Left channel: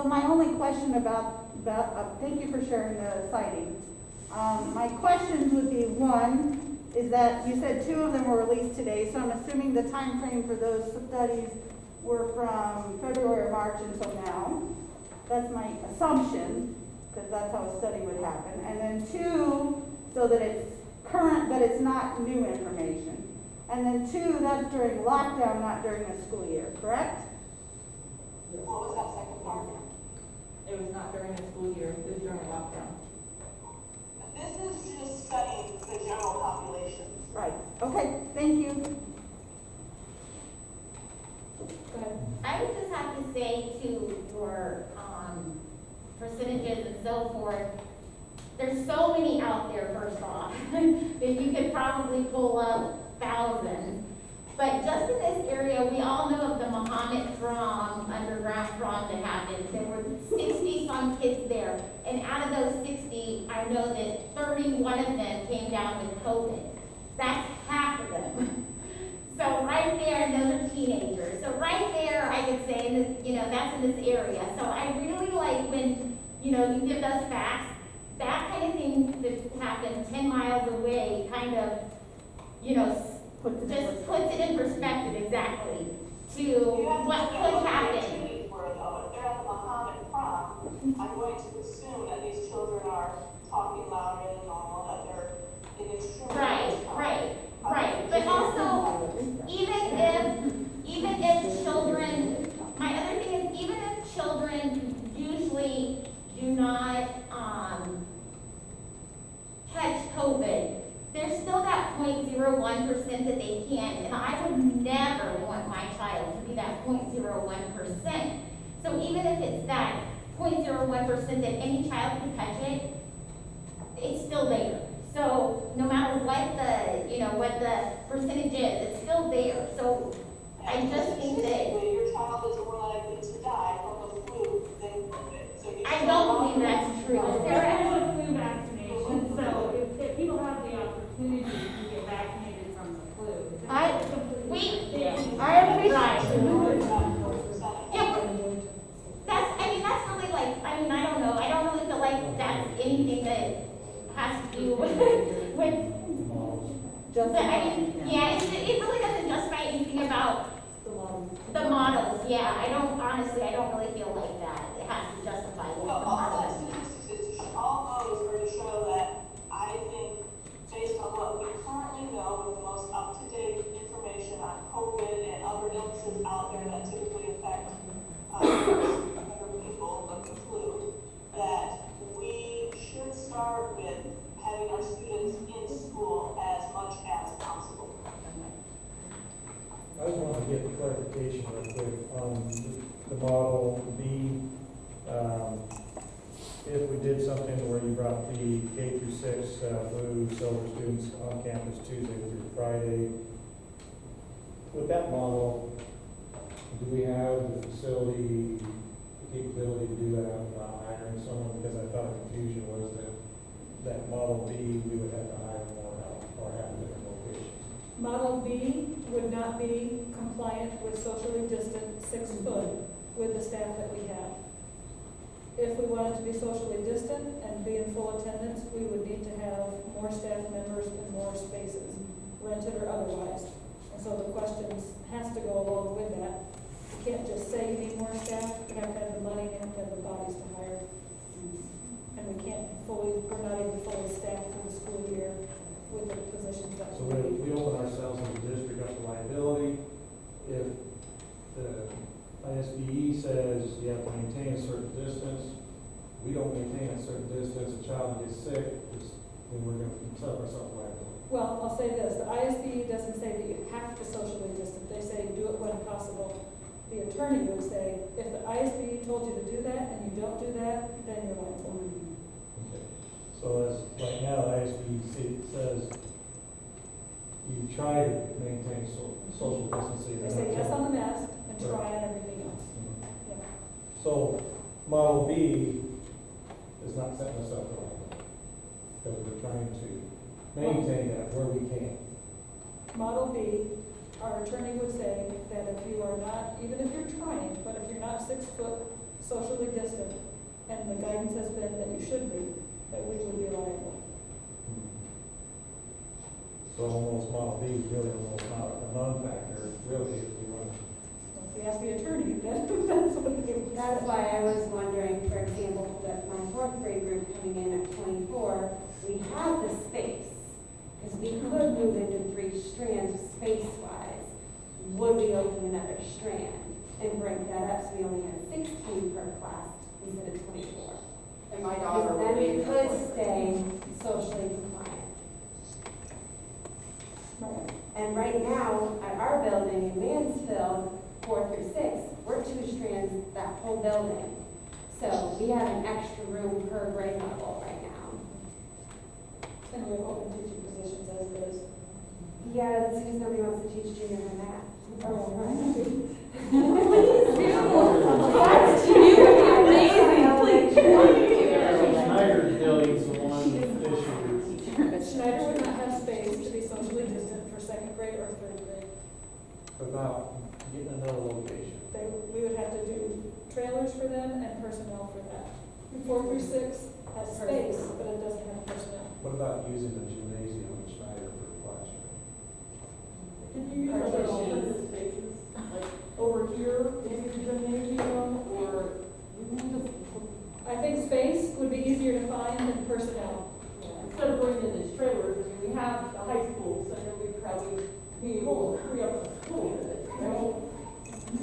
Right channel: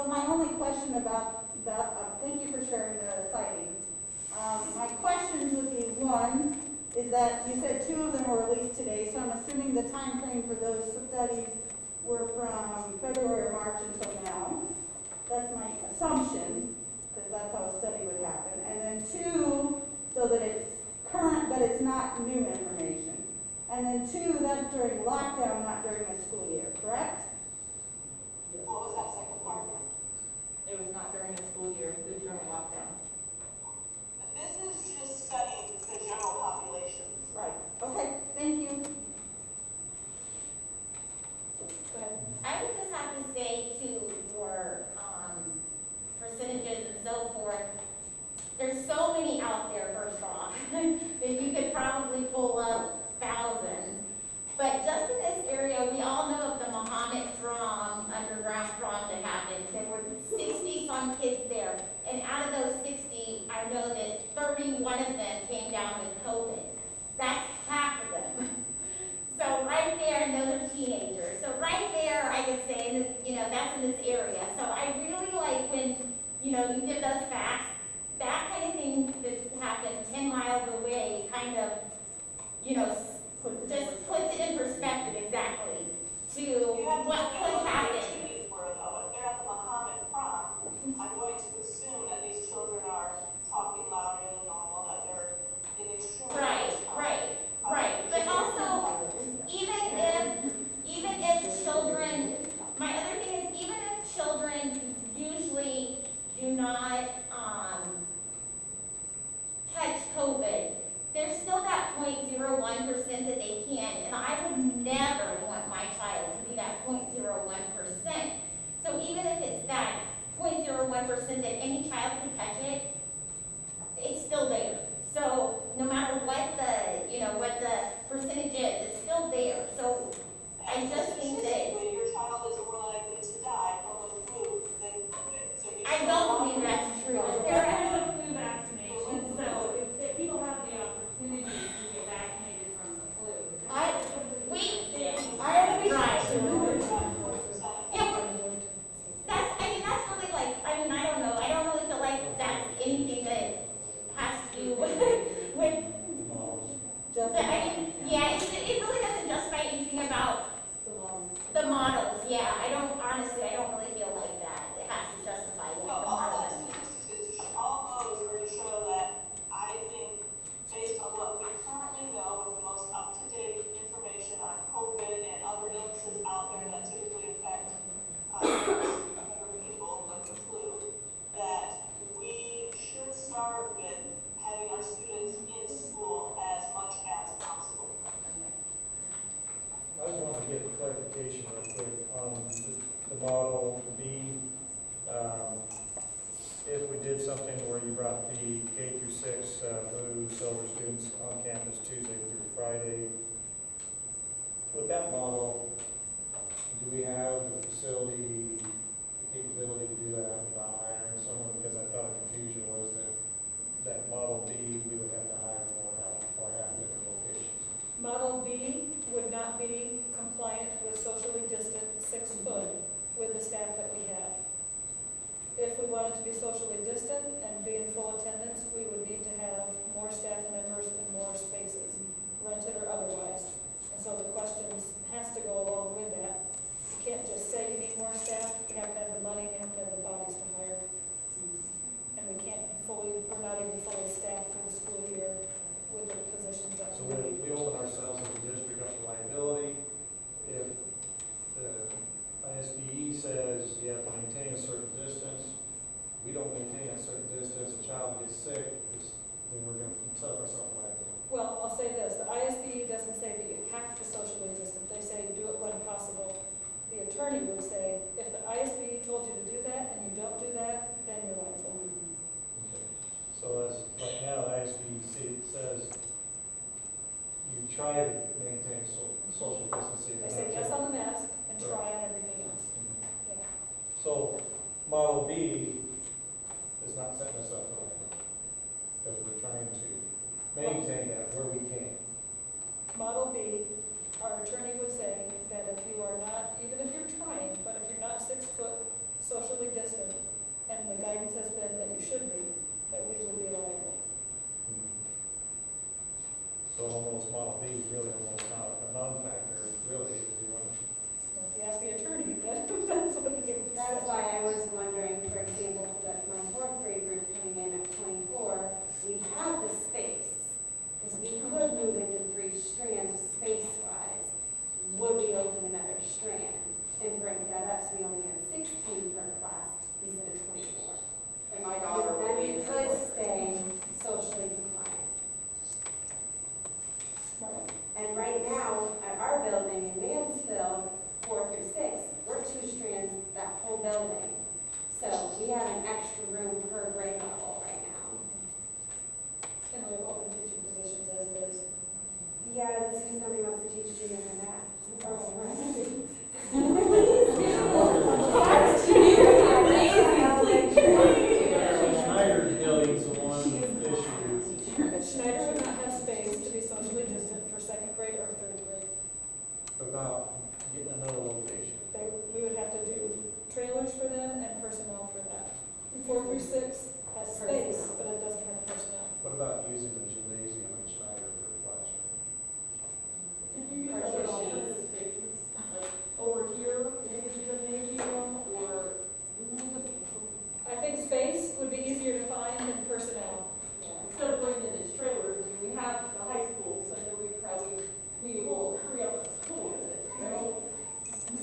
So my only question thank you for sharing the citing. My questions would be, one, is that you said 2 of them were released today, so I'm assuming the time frame for those studies were from February or March until now. That's my assumption, because that's how a study would happen. And then 2, so that it's current, but it's not new information. And then 2, that's during lockdown, not during the school year, correct? What was that second part? It was not during the school year, it was during lockdown. This is just studying the general population. Right. Okay, thank you. Go ahead. I would just have to say to your percentages and so forth, there's so many out there, first off, that you could probably pull up thousands. But just in this area, we all know of the Muhammad prom, underground prom that happened. There were 60-some kids there. And out of those 60, I know that 31 of them came down with COVID. That's half of them. So right there, and those are teenagers. So right there, I could say, that's in this area. So I really like when, you give those facts. That kind of thing that happened 10 miles away kind of, just puts it in perspective exactly to what could happen. If they're at the Muhammad prom, I'm going to assume that these children are talking louder than normal, that they're in extreme. Right. But also, even if children, my other thing is, even if children usually do not catch COVID, there's still that 0.01% that they can, and I would never want my child to be that 0.01%. So even if it's that 0.01% that any child can catch it, it's still there. So no matter what the percentage is, it's still there. So I just think that your child is more likely to die from the flu than COVID. So I don't believe that's true. There is a flu vaccination, so if people have the opportunity to get vaccinated from the flu. I appreciate. That's really I don't know. I don't really feel like that's anything that has to do with just. it really doesn't justify anything about the models. Yeah, I don't really feel like that. It has to justify what the models. All those are to show that I think, based on what we currently know with the most up-to-date information on COVID and other illnesses out there that typically affect other people, like the flu, that we should start with having our students in school as much as possible. I just want to get clarification real quick on the model B. If we did something where you brought the K through 6 blue, silver students on campus Tuesday through Friday, with that model, do we have the facility, the capability to do that without hiring someone? Because I thought the confusion was that model B, we would have to hire more help or have different locations. Model B would not be compliant with socially distant 6 foot with the staff that we have. If we wanted to be socially distant and be in full attendance, we would need to have more staff members and more spaces, rented or otherwise. And so the questions has to go along with that. You can't just say you need more staff, you have to have the money, you have to have the bodies to hire. And we're not even fully staffed for the school year with the positions that So we need. we open ourselves as a district up to liability. If the ISBE says you have to maintain a certain distance, we don't maintain a certain distance, a child gets sick, then we're going to set up ourselves liability. Well, I'll say this, the ISBE doesn't say that you have to socially distance, they say do it when possible. The attorney would say, if the ISBE told you to do that and you don't do that, then you're liable. Okay. So as right now, the ISBE says you try to maintain social distancing. They say yes on the mask and try on everything else. Mhm. Yeah. So model B is not setting us up for liability, because we're trying to maintain that where we can. Model B, our attorney would say that if you are not, even if you're trying, but if you're not 6 foot socially distanced So almost model B is really almost not a non-factor, really, if we want to. If you ask the attorney, that's what he would That's say. why I was wondering, for example, that my fourth grade group coming in at 24, we have the space, because we could move into 3 strands space-wise. Would we open another strand and break that up so we only had 16 per class instead of 24? And my daughter Because would then be we in could the stay socially compliant. Right. And right now, at our building in Mansfield, 4 through 6, we're 2 strands that whole building. So we have an extra room per grade level right now. And we have open teaching positions as it is. Yeah, that's because nobody wants to teach junior high math. Schneider building's the one issue. Schneider would not have space to be socially distant for second grade or third grade. About getting another location. We would have to do trailers for them and personnel for that. 4 through 6 has space, but it doesn't have personnel. What about using the gymnasium in Schneider for a classroom? Can you use other alternative spaces, like over here, maybe the gymnasium, or I think space would be easier to find than personnel. instead of bringing in these trailers, I mean, we have the high school, so I know we'd probably be able to free up the school with it, you know?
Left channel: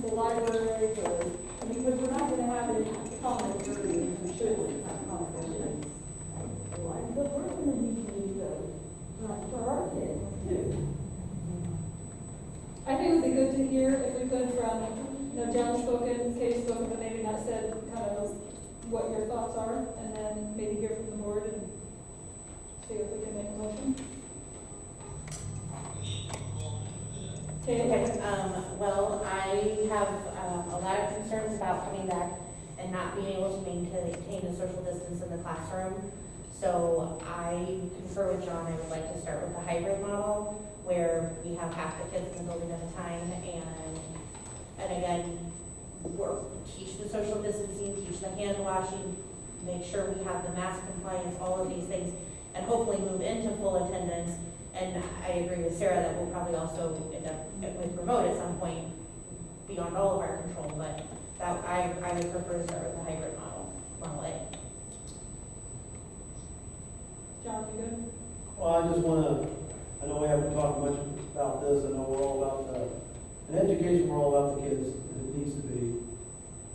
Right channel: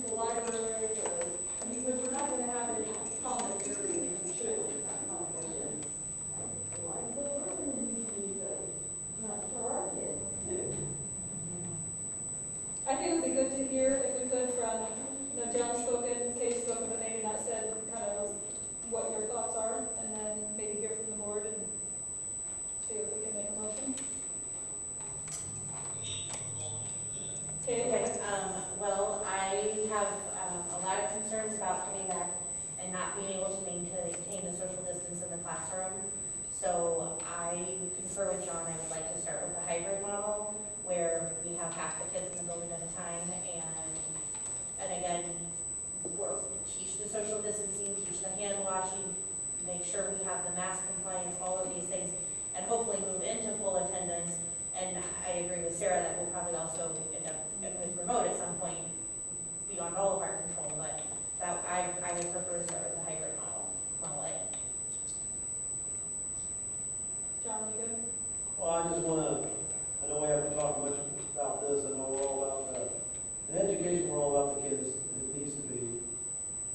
The library, or, I mean, because we're not gonna have any common areas and facilities, not common areas. Like, but we're gonna need to, for our kids too. I think it would be good to hear if we could from, John spoken, Katie spoken, but maybe not said kind of what your thoughts are, and then maybe hear from the board and see if we can make a motion. Okay, Katie? well, I have, a lot of concerns about coming back and not being able to maintain the social distance in the classroom. So I concur with John, I would like to start with the hybrid model, where we have half the kids in the building at a time, and again, teach the social distancing, teach the hand washing, make sure we have the mask compliance, all of these things, and hopefully move into full attendance. And I agree with Sarah that we'll probably also end up with remote at some point beyond all of our control, but that, I would prefer to start with the hybrid model A. John, you good? Well, I just wanna, I know we haven't talked much about this, I know we're all about in education, we're all about the kids, and it needs to be.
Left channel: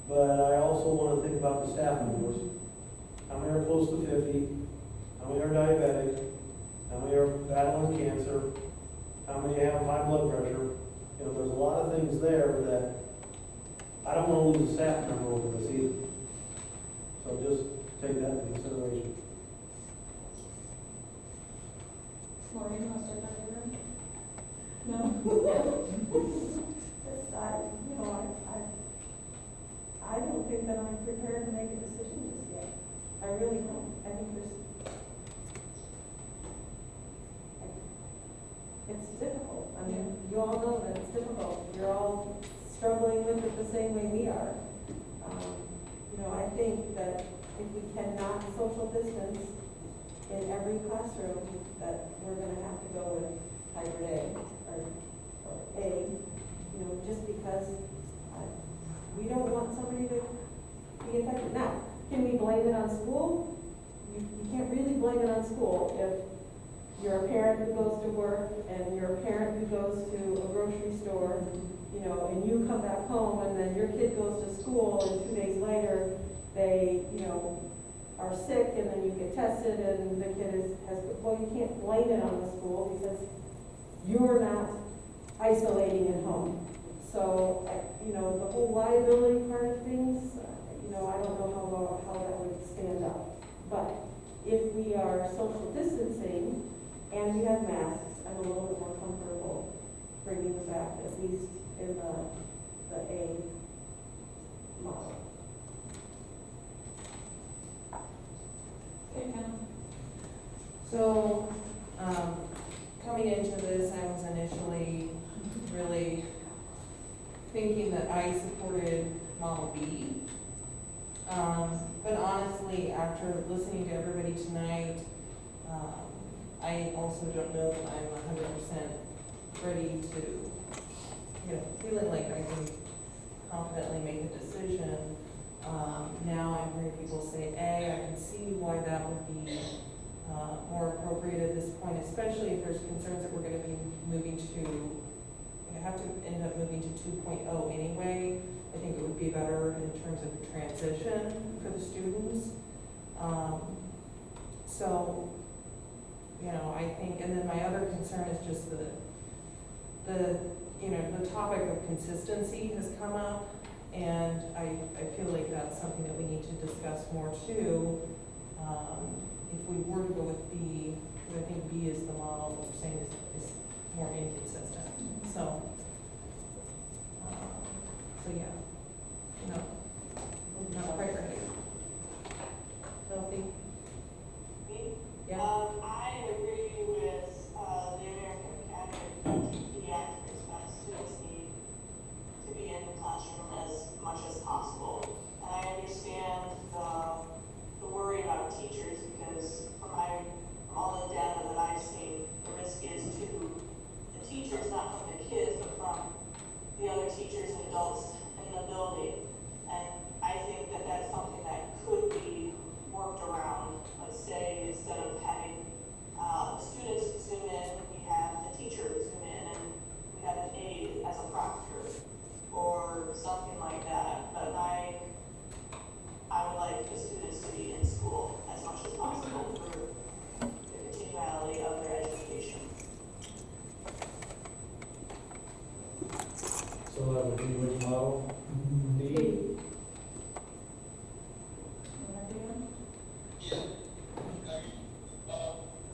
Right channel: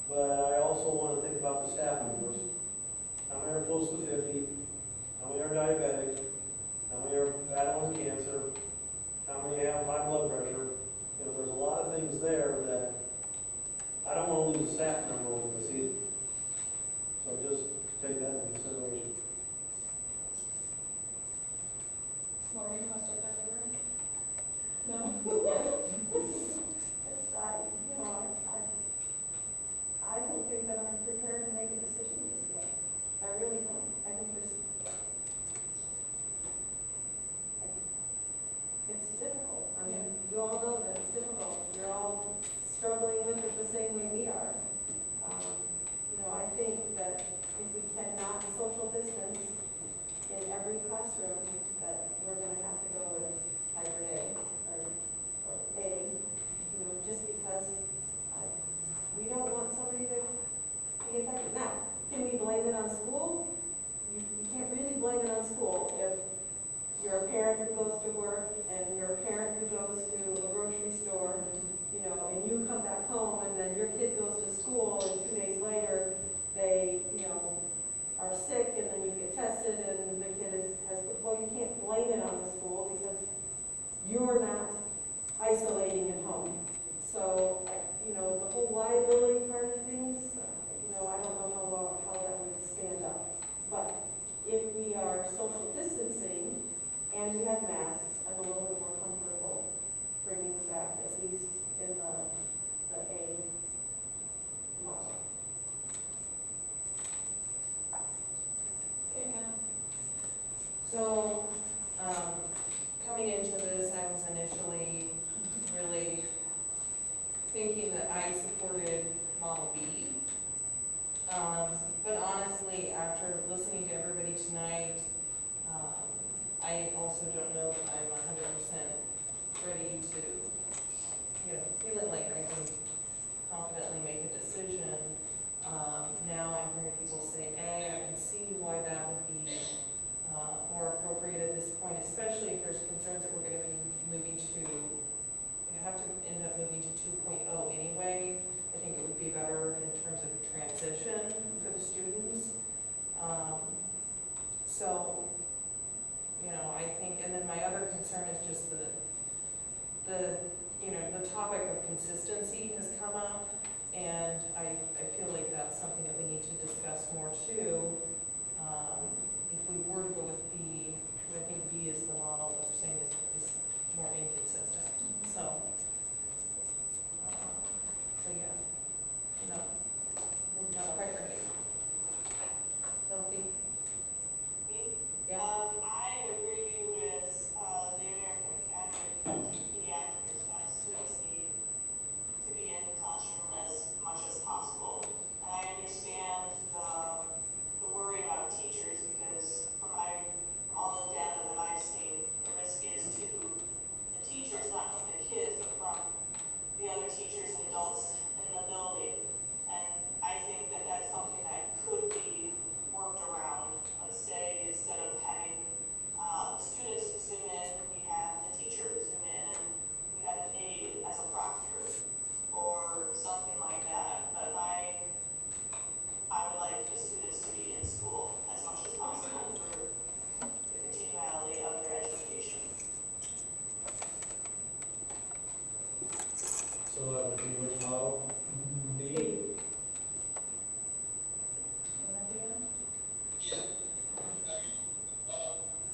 But I also wanna think about the staff members. How many are close to 50? How many are diabetic? How many are battling cancer? How many have high blood pressure? You know, there's a lot of things there that I don't wanna lose a staff member over this either. So just take that into consideration. Maureen, you want to start that later? No? I don't think that I'm prepared to make a decision just yet. I really don't. I think it's difficult. I mean, you all know that it's difficult. You're all struggling with it the same way we are. I think that if we cannot social distance in every classroom, that we're gonna have to go with hybrid A, or A, just because we don't want somebody to be affected. Now, can we blame it on school? You can't really blame it on school if you're a parent who goes to work and you're a parent who goes to a grocery store, and you come back home and then your kid goes to school and 2 days later they, are sick and then you get tested and the kid you can't blame it on the school because you're not isolating at home. So, the whole liability part of things, I don't know how that would stand up. But if we are social distancing and we have masks, I'm a little bit more comfortable bringing them back, at least in the A model. Okay, Hannah? So, coming into this, I was initially really thinking that I supported Model B. But honestly, after listening to everybody tonight, I also don't know that I'm 100% ready to, feeling like I can confidently make a decision. Now I'm hearing people say A, I can see why that would be more appropriate at this point, especially if there's concerns that we're gonna be moving to, we have to end up moving to 2.0 anyway. I think it would be better in terms of transition for the students. So, I think, and then my other concern is just the topic of consistency has come up, and I feel like that's something that we need to discuss more too. If we were to go with B, because I think B is the model that we're saying is more inconsistent, so yeah, not quite ready. Chelsea? Me? Yeah. I agree with, the American Academy of Pediatrics that students need to be in the classroom as much as possible. And I understand the worry about teachers because from all the data that I've seen, the risk is to the teachers, not from the kids, but from the other teachers and adults in the building. And I think that that's something that could be worked around. Let's say instead of having the students zoom in, we have the teacher zoom in and we have an aide as a proctor or something like that. But I would like the students to be in school as much as possible for the continuality of their education. So that would be which model? D?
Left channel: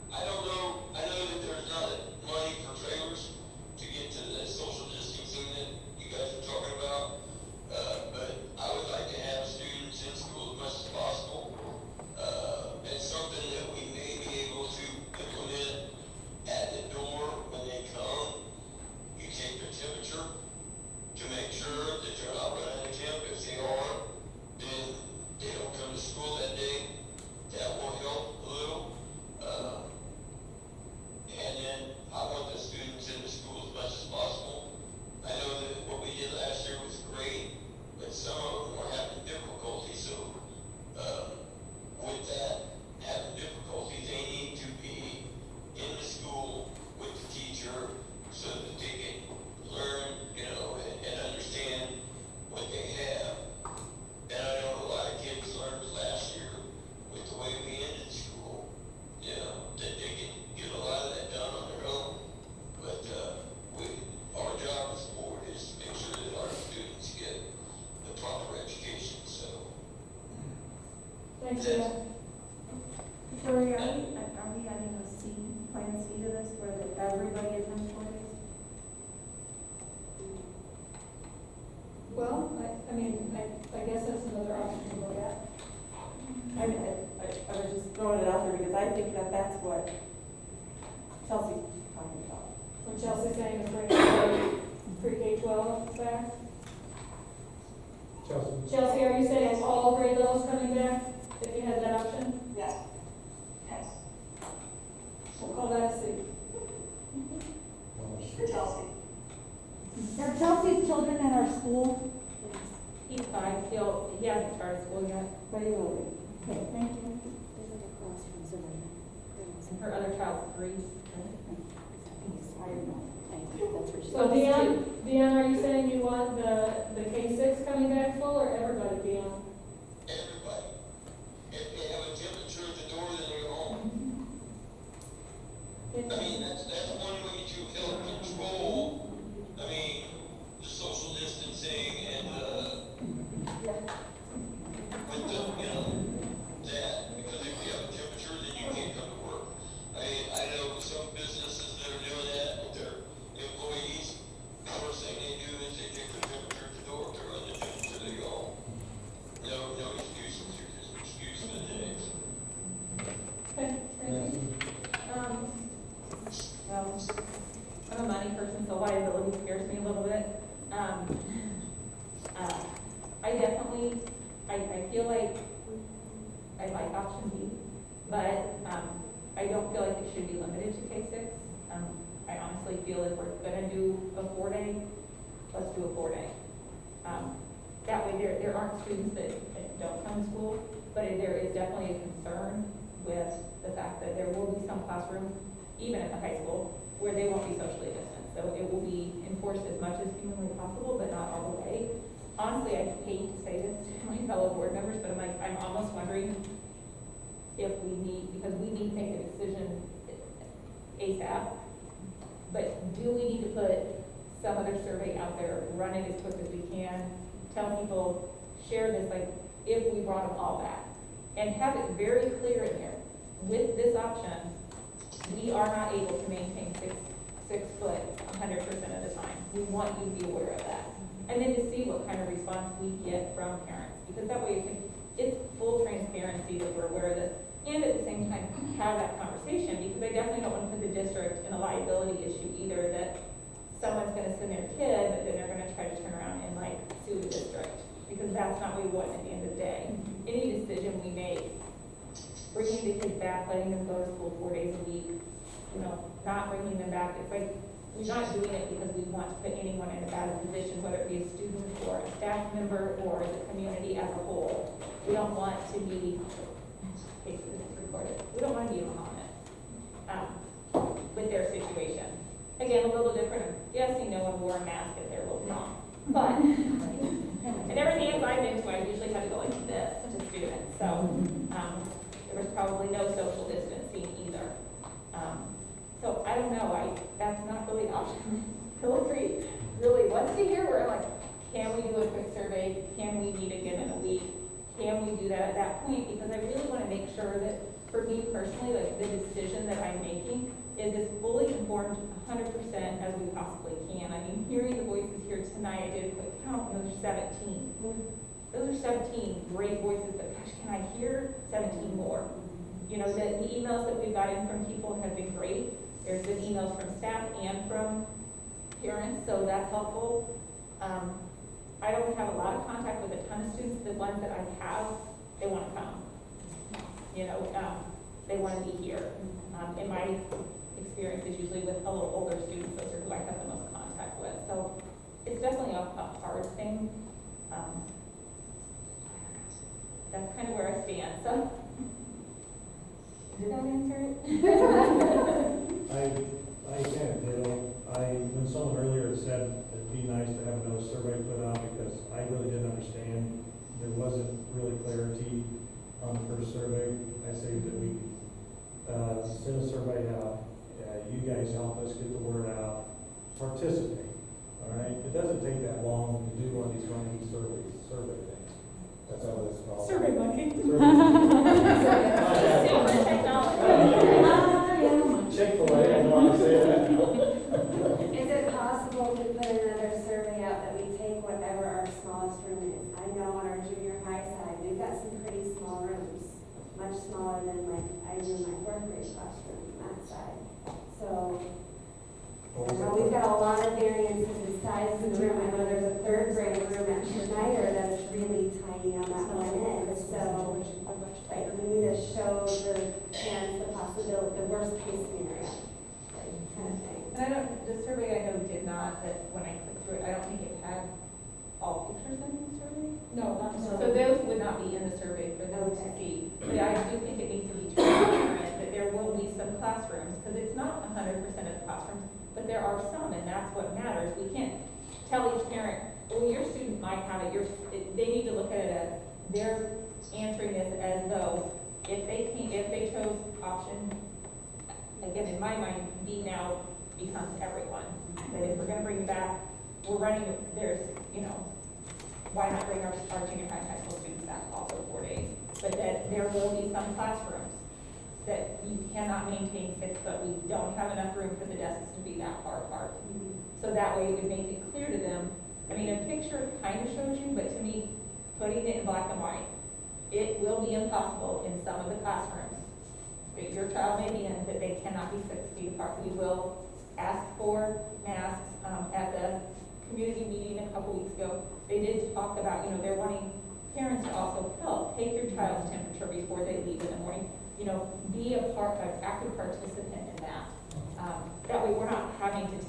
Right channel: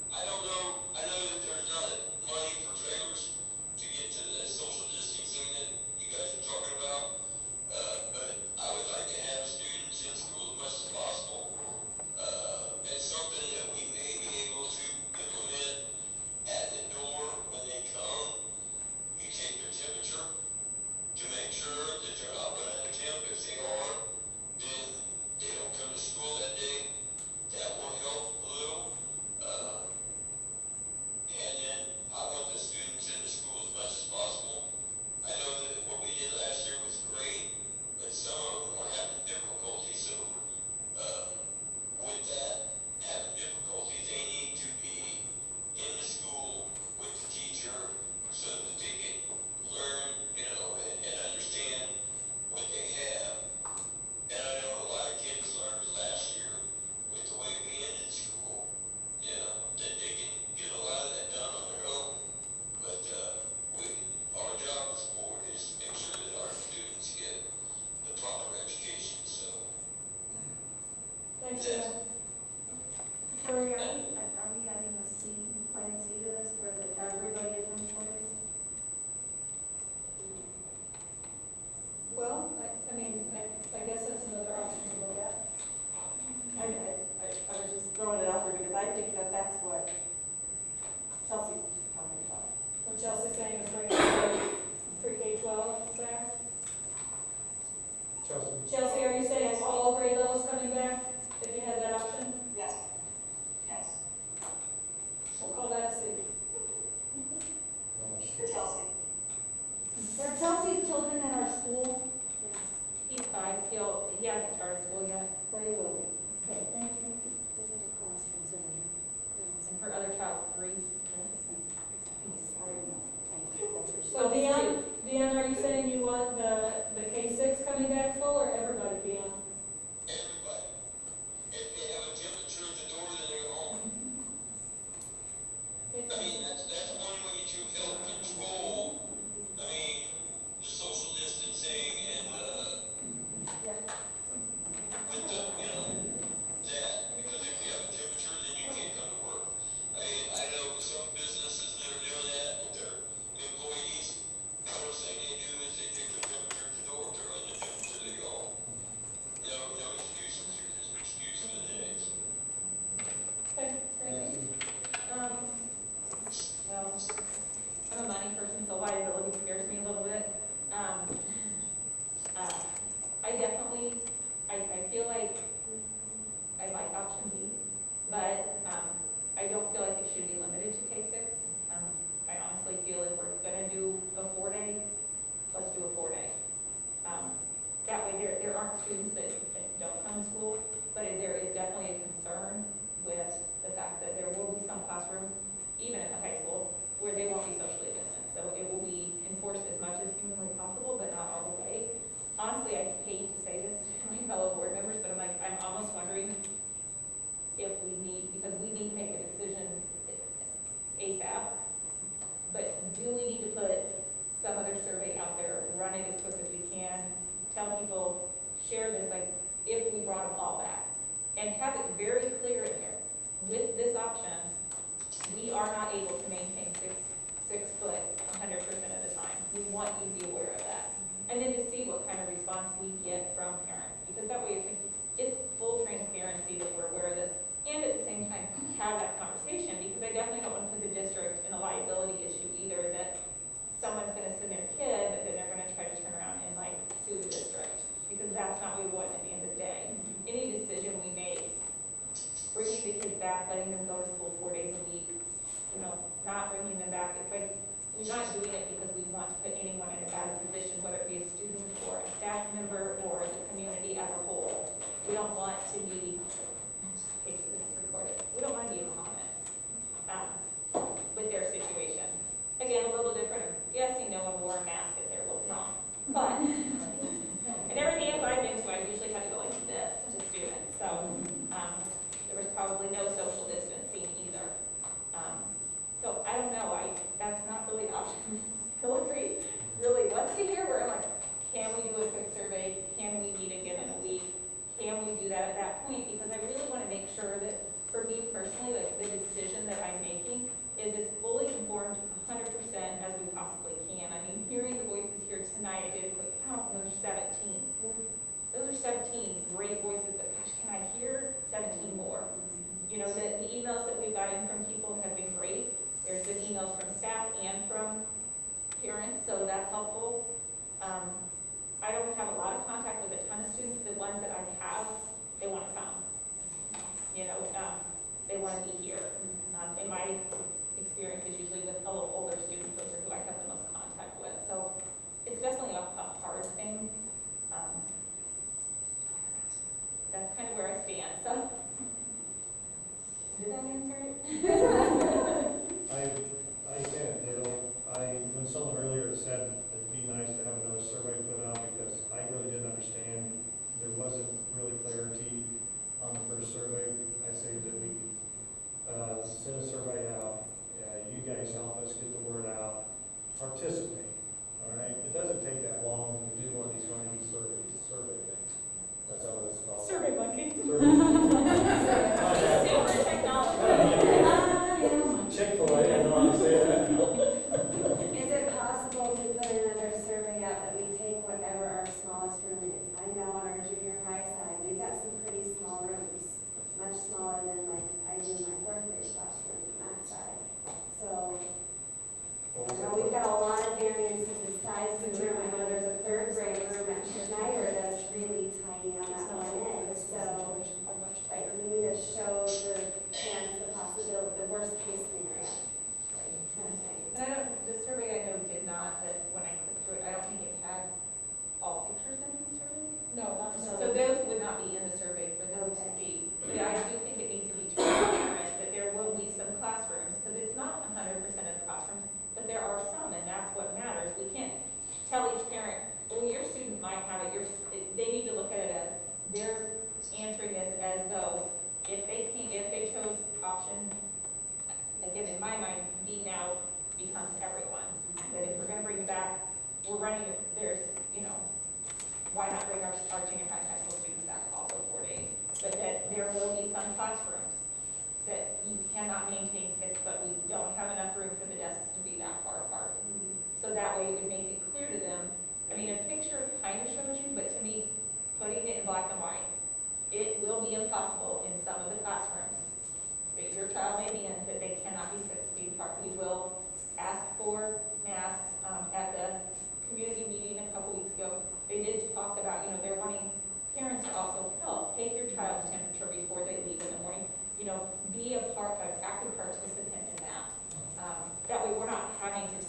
I don't know, I know that there's not money for trailers to get to the social distancing that you guys are talking about. But I would like to have students in school as much as possible. It's something that we may be able to implement at the door when they come. You take their temperature to make sure that they're not running a temp. If they are, then they don't come to school that day. That will help a little. And then I want the students in the school as much as possible. I know that what we did last year was great, but some of them were having difficulty. So with that having difficulty, they need to be in the school with the teacher so that they can learn, and understand what they have. And I know a lot of kids learned last year with the way we ended school, that they can get a lot of that done on their own. But our job as a board is to make sure that our students get the proper education, so. Thanks, Jeff. Victoria, are we adding a C, plan C to this, where everybody attends 4 days? Well, I guess that's another option to look at. I was just throwing it out there because I think that that's what Chelsea's talking about. What Chelsea's saying is bring pre-K-12 back. Chelsea? Chelsea, are you saying all grade levels coming back, if you had that option? Yes. Yes. We'll call that a C. For Chelsea. Are Chelsea's children in our school? He's 5, he hasn't started school yet, But he will be. Okay, thank you. and her other child's 3. So Dion, are you saying you want the K-6 coming back full or everybody, Dion? Everybody, if they have a temperature at the door, then they're home. I mean, that's one way to help control, the social distancing and, with the, that, because if you have a temperature, then you can't come to work. I know some businesses that are doing that with their employees. The first thing they do is they take their temperature at the door, if they're on the temperature, they go home. No excuses, you're just excused for the day. Okay, thank you. Well, I'm a money person, so liability scares me a little bit. I feel like I like option B, but I don't feel like it should be limited feel if we're gonna do a 4-day, let's do a 4-day. That way there aren't students that don't come to school, but there is definitely a concern with the fact that there will be some classrooms, even at the high school, where they won't be socially distanced. So it will be enforced as much as humanly possible, but not all the way. Honestly, I hate to say this to my fellow board members, but I'm almost wondering if we need, because we need to make a decision ASAP, but do we need to put some other survey out there, run it as quick as we can, tell people, share this, like, if we brought them all back, and have it very clear in there, with this option, we are not able to maintain six foot 100% of the time. We want you to be aware of that. And then to see what kind of response we get from parents, because that way it's full transparency that we're aware of this, and at the same time, have that conversation, because I definitely don't want to put the district in a liability issue either, that someone's gonna send their kid, but then they're gonna try to turn around and like sue the district, because that's not what we want at the end of the day. Any decision we make, bringing the kids back, letting them go to school 4 days a week, you know, not bringing them back, it's like, we're not doing it because we want to put anyone in a bad position, whether it be a student or a staff member or the community as a whole. We don't want to be, basically this is recorded, we don't want to be a comment with their situation. Again, a little different. Yes, no one wore a mask at their little prom, but and everything else I've been to, I usually had to go like this to students. So there was probably no social distancing either. So I don't know. That's not really an option. Hillary really wants to hear where like, can we do a quick survey? Can we meet again in a week? Can we do that at that point? Because I really want to make sure that for me personally, like the decision that I'm making is as fully informed 100% as we possibly can. I mean, hearing the voices here tonight, I did a quick count, and those are 17. Those are 17 great voices, but gosh, can I hear 17 more? You know, the emails that we've gotten from people have been great. There's been emails from staff and from parents, so that's helpful. I don't have a lot of contact with a ton of students. The ones that I have, they want to come. You know, they want to be here. In my experience is usually with a little older students, those are who I have the most contact with. So it's definitely a hard thing. That's kind of where I stand. So did that answer it? I can, when someone earlier said it'd be nice to have another survey put out, because I really didn't understand, there wasn't really clarity on the first survey. I say that we send a survey out, you guys help us get the word out, participate, all right? It doesn't take that long to do one of these running survey things. That's how it's called. Survey monkey. Super technology. Chick-fil-A, I know how to say that now. Is it possible to put another survey out that we take whatever our smallest room is? I know on our junior high side, we've got some pretty small rooms, much smaller than like I do in my 4th grade classroom on that side. So, I know we've got a lot of variances in size of the room. I know there's a 3rd grade room at Schneider that's really tiny on that one end. So, like, we need to show the parents the possibility, the worst case scenario, kind of thing. And I don't, the survey I know did not, that when I clicked through it, I don't think it had all pictures in the survey. No, not so. So those would not be in the survey for them to see. But I do think it needs to be transparent that there will be some classrooms, because it's not 100% of the classrooms, but there are some, and that's what matters. We can't tell each parent, well, your student might have it, they need to look at it as, they're answering this as though, if they chose option, again, in my mind, B now becomes everyone. That if we're gonna bring it back, we're running, there's, you know, why not bring our junior high and high school students back also 4 days? But that there will be some classrooms that you cannot maintain 6 foot. We don't have enough room for the desks to be that far apart. So that way it would make it clear to them. I mean, a picture kind of shows you, but to me, putting it in black and white, it will be impossible in some of the classrooms that your child may be in, that they cannot be 6 feet apart. We will ask for masks. At the community meeting a couple weeks ago, they did talk about, you know, they're wanting parents to also help. Take your child's temperature before they leave in the morning. You know, be an active participant in that. That way we're not having to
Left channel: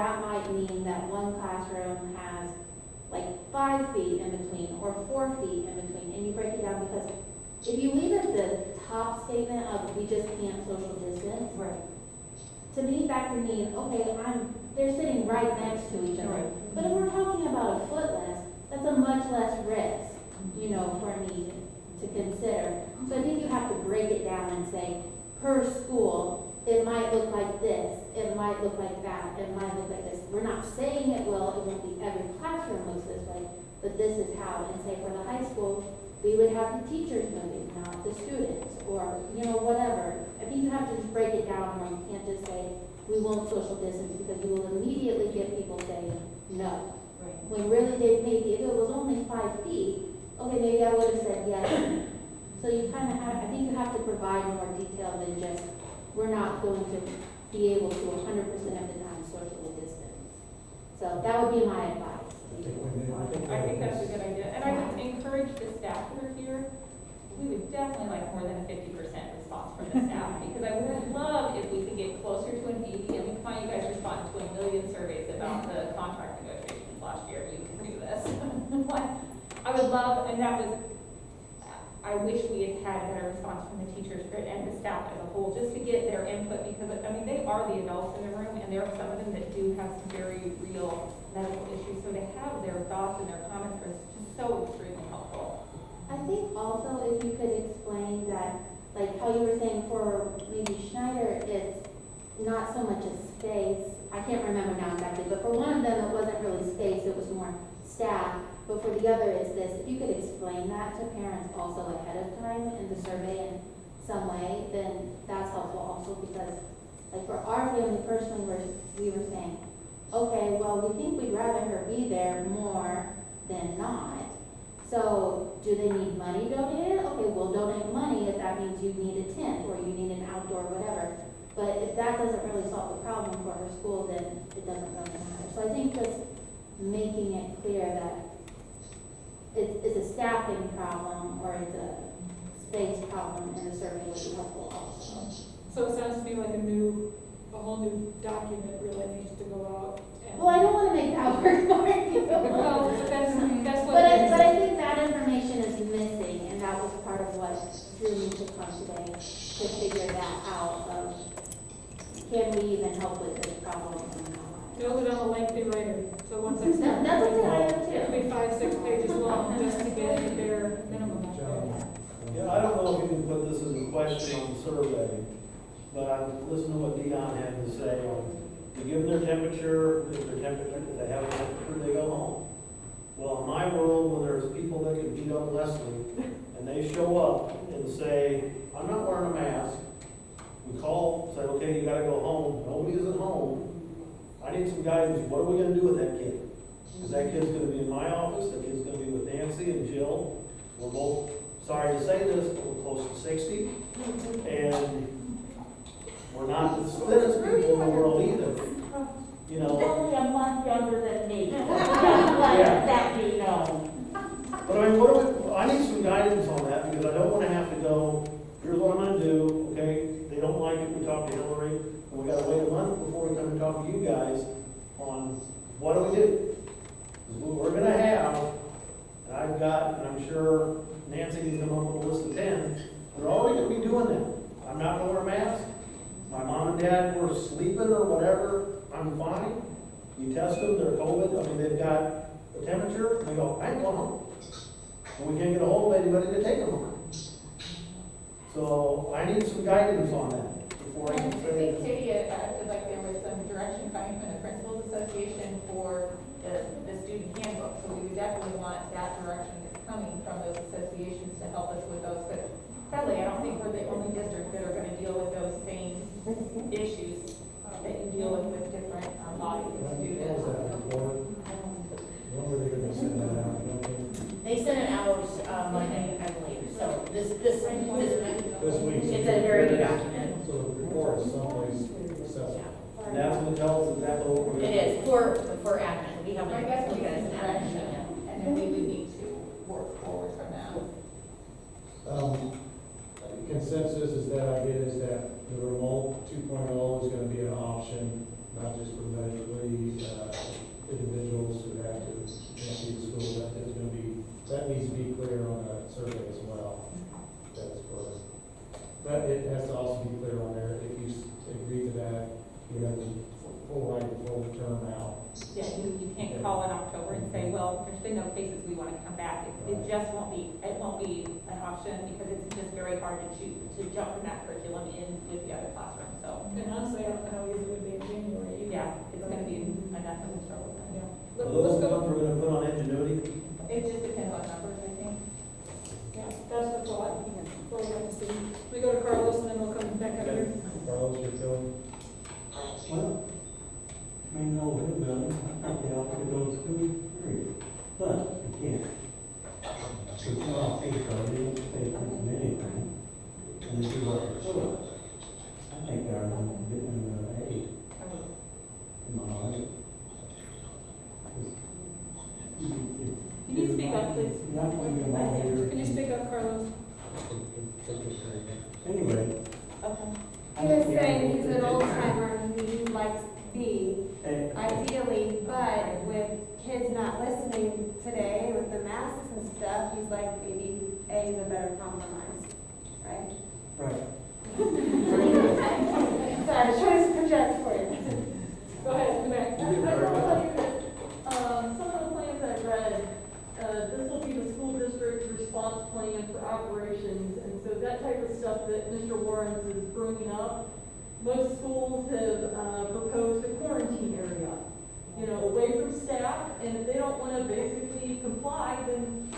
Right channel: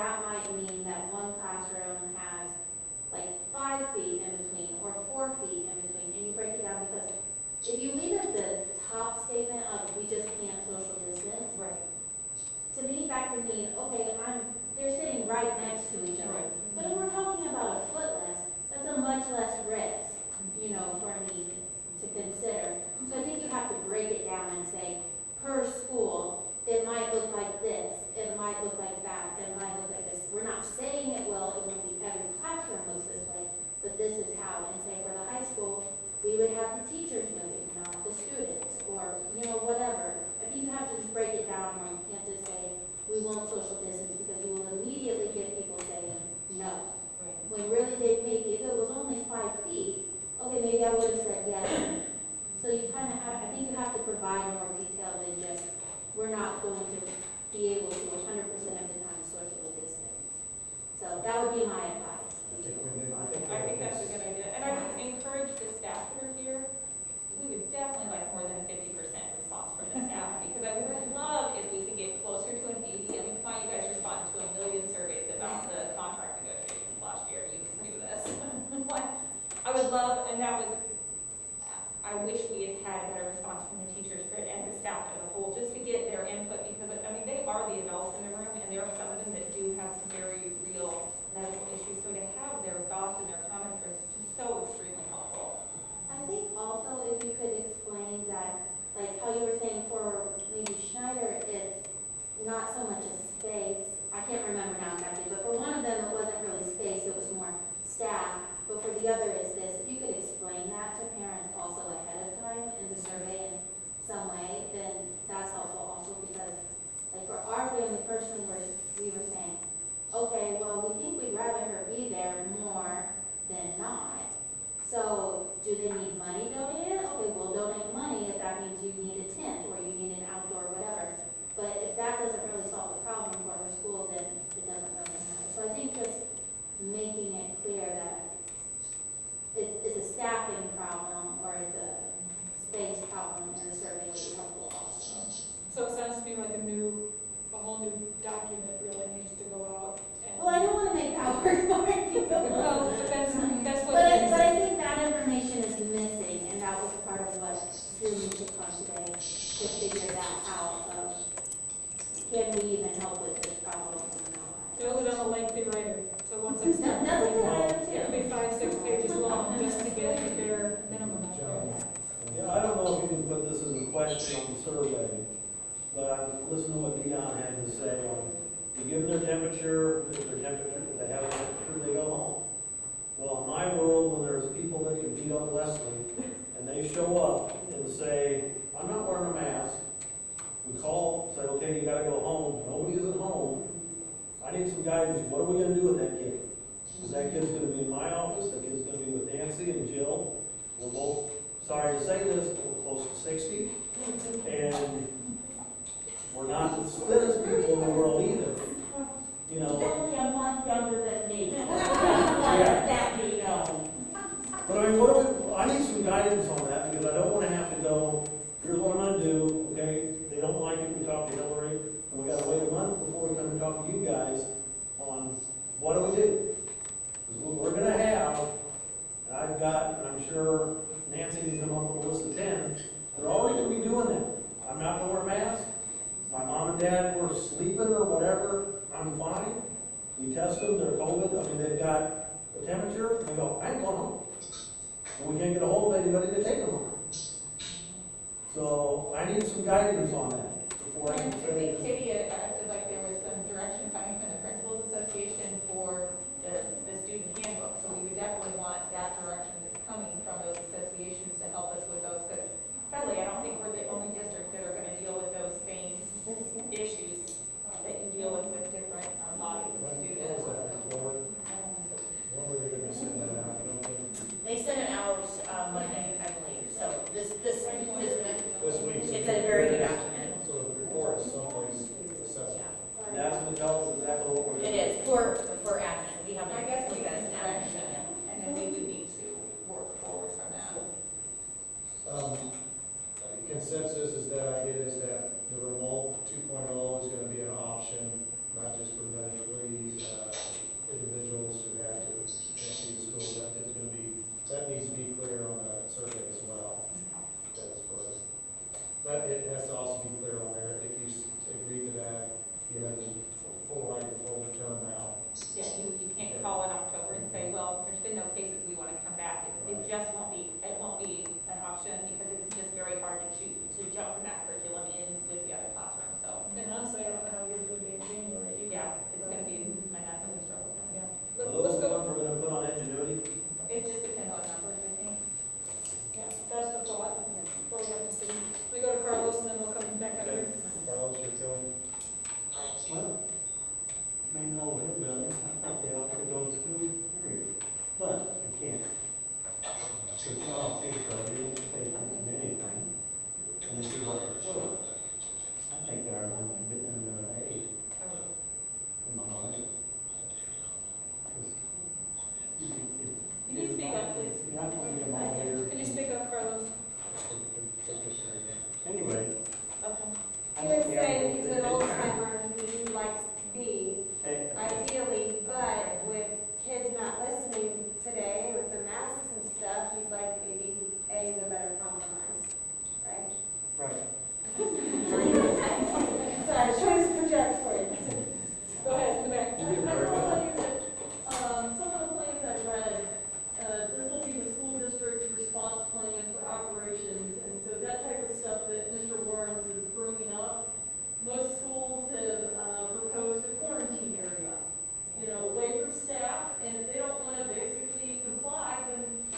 that might mean that one classroom has like 5 feet in between or 4 feet in between, and you break it down, because if you leave it the top statement of we just can't social distance, Right. to me, that could mean, okay, they're sitting right next to each other. But if we're talking about a foot less, that's a much less risk, you know, for me to consider. So I think you have to break it down and say, per school, it might look like this, it might look like that, it might look like this. We're not saying it won't be every classroom looks this way, but this is how. And say for the high school, we would have the teachers moving, not the students, or, you know, whatever. I think you have to just break it down, or you can't just say, we won't social distance, because you will immediately get people saying no. Right. When really they maybe, if it was only 5 feet, okay, maybe I would have said yes. So you kind of have, I think you have to provide more detail than just, we're not going to be able to 100% of the time socially distance. So that would be my advice. I think that's a good idea, and I would encourage the staff that are here, we would definitely like more than a 50% response from the staff, because I would love if we could get closer to an 80. I mean, come on, you guys responded to 1 million surveys about the contract negotiations last year, you can do this. Like, I would love, and that was, I wish we had had a better response from the teachers and the staff as a whole, just to get their input, because, I mean, they are the adults in the room, and there are some of them that do have some very real medical issues, so to have their thoughts and their comments are just so extremely helpful. I think also if you could explain that, like how you were saying for maybe Schneider, it's not so much a space. I can't remember now exactly, but for one of them, it wasn't really space, it was more staff. But for the other, it's this. If you could explain that to parents also ahead of time in the survey in some way, then that's helpful also, because like for our family personally, we were saying, okay, well, we think we'd rather her be there more than not. So do they need money donated? Okay, we'll donate money if that means you need a tent or you need an outdoor whatever. But if that doesn't really solve the problem for her school, then it doesn't really matter. So I think just making it clear that it's a staffing problem or it's a space problem in the survey would be helpful also. So it sounds to me like a whole new document really needs to go out. Well, I don't want to make that work for you. Well, that's what But it is. I think that information is missing, and that was part of what drew me to come today, to figure that out of, can we even help with this problem or not? Build it on a lengthy writer, so once I start. That's a good idea It could too. be 5-6 pages long, just to get the bare minimum out there. Yeah, I don't know if you can put this as a question on the survey, but I listened to what Dion had to say on, you give them their temperature, if they have a temperature, they go home. Well, in my world, when there's people that can beat up Leslie, and they show up and say, I'm not wearing a mask, we call, say, okay, you gotta go home, nobody is at home, I need some guidance, what are we gonna do with that kid? Because that kid's gonna be in my office, that kid's gonna be with Nancy and Jill, we're both, sorry to say this, but we're close to 60, and we're not the thinnest people in the world either, you know? Only a month younger than me. Yeah. That be known. But I mean, I need some guidance on that, because I don't wanna have to go, here's what I'm gonna do, okay? They don't like it, we talk to Hillary, and we gotta wait a month before we come and talk to you guys on what do we do? Because what we're gonna have, and I've got, and I'm sure Nancy needs to come up with a list of 10, they're already gonna be doing that. I'm not gonna wear a mask, my mom and dad were sleeping or whatever, I'm fine. You test them, they're COVID, I mean, they've got a temperature, and they go, I ain't going home. And we can't get a hold of anybody to take them home. So I need some guidance on that before I I can think say. Katie acted like there was some direction coming from the Principals Association for the student handbook, so we would definitely want that direction that's coming from those associations to help us with those, but sadly, I don't think we're the only district that are gonna deal with those same issues that you deal with different bodies of students. When were they gonna send that out? You don't think? They sent it out, Monday, I believe, so this This week. it's a very good document. So the report is someplace accessible. And that's what tells us exactly what we're. It is, for admin, we haven't, I guess we we got got some an admin direction, email. and then we would need to work forward from that. Consensus is that idea is that the remote 2.0 is gonna be an option, not just for medically, individuals who have to see the school, that needs to be clear on the survey as well. That's for us. But it has to also be clear on there, if you agree to that, you have the full right, full term out. Yeah, you can't call in October and say, well, there's been no cases, we want to come back. It just won't be, it won't be an option because it's just very hard to choose, to jump from that curriculum in with the other classroom, so. And honestly, I don't know how easy it would be in January either. Yeah, it's gonna be enough of a struggle. Yeah. Are Let's those the go, ones we're gonna put on Ingenuity? It just depends on numbers, I think. yeah, that's the thought. We'll have to see. We go to Carlos and then we'll come back up here. Carlos, you're feeling? Well, I mean, no, wait a minute, I think they ought to go to school, period. But you can't. So it's not safe, they don't pay attention to anything. And they do what they're told. I think they're in the aid. In my mind. Can you speak up, please? You're not going to get all here. Can you speak up, Carlos? Anyway. Okay. He was saying he's an old timer, he likes B, eh, ideally, but with kids not listening today with the masks and stuff, he's like, maybe A is a better compromise, right? Right. Sorry, trying to project for you. Go ahead, come back. I will tell you that, some of the plans I read, this will be the school district's response plan for operations, and so that type of stuff that Mr. Warrens is bringing up, most schools have, proposed a quarantine area, you know, away from staff, and if they don't wanna basically comply, then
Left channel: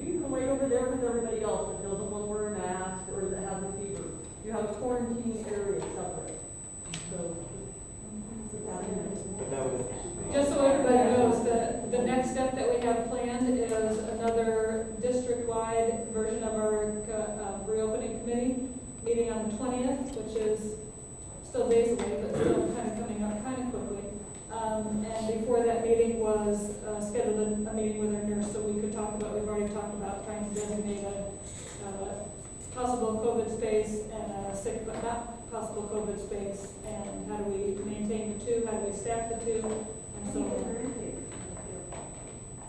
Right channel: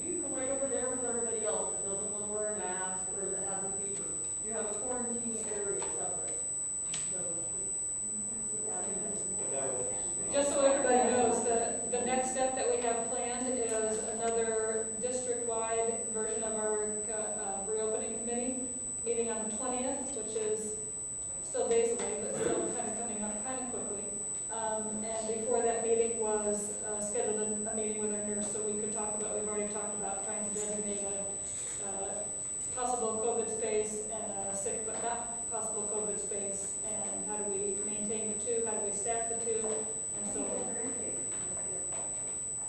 you can wait over there with everybody else that doesn't wanna wear a mask or that has a fever. You have a quarantine area separate, so. Just so everybody knows, the next step that we have planned is another district-wide version of our reopening committee, meeting on the 20th, which is still days away, but still kind of coming up kind of quickly. And before that meeting was scheduled a meeting with our nurse, so we could talk about, we've already talked about trying to designate a possible COVID space and a sick but not possible COVID space, and how do we maintain the two, how do we staff the two, and so on.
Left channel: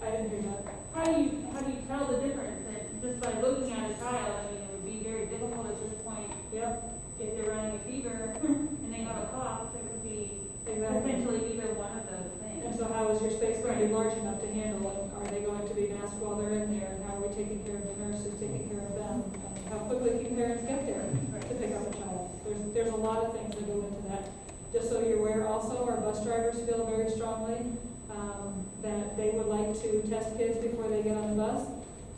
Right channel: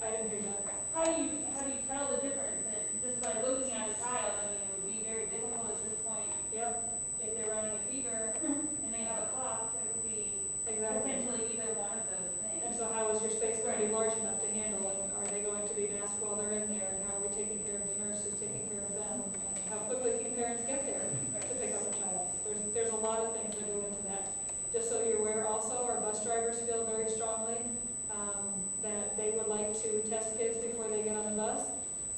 I didn't hear that. How do you tell the difference? That just by looking at a child, I mean, it would be very difficult at this point. Yep, If they're running a fever and they have a cough, it would be exactly. potentially either one of those things. And so how is your space going to be large enough to handle it? Are they going to be masked while they're in there? And how are we taking care of the nurses, taking care of them? And how quickly can parents get there to pick up a child? There's a lot of things that go into that. Just so you're aware also, our bus drivers feel very strongly that they would like to test kids before they get on the bus.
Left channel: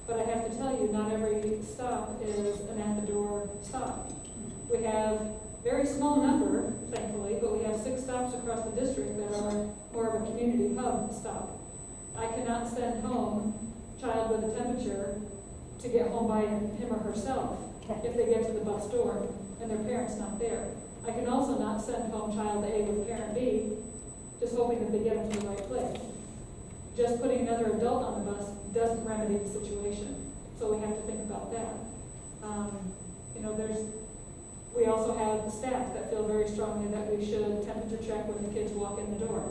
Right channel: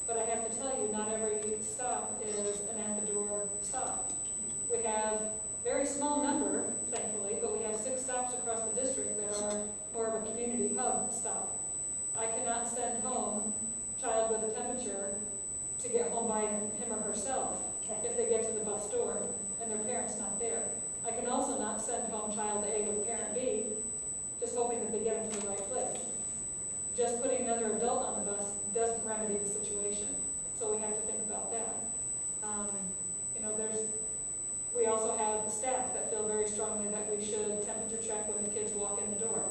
But I have to tell you, not every stop is an at-the-door stop. We have very small number, thankfully, but we have 6 stops across the district that are more of a community hub stop. I cannot send home a child with a temperature to get home by him or herself if they get to the bus door and their parent's not there. I can also not send home child A with parent B, just hoping that they get them to the right place. Just putting another adult on the bus doesn't remedy the situation, so we have to think about that. We also have the staff that feel very strongly that we should temperature check when the kids walk in the door.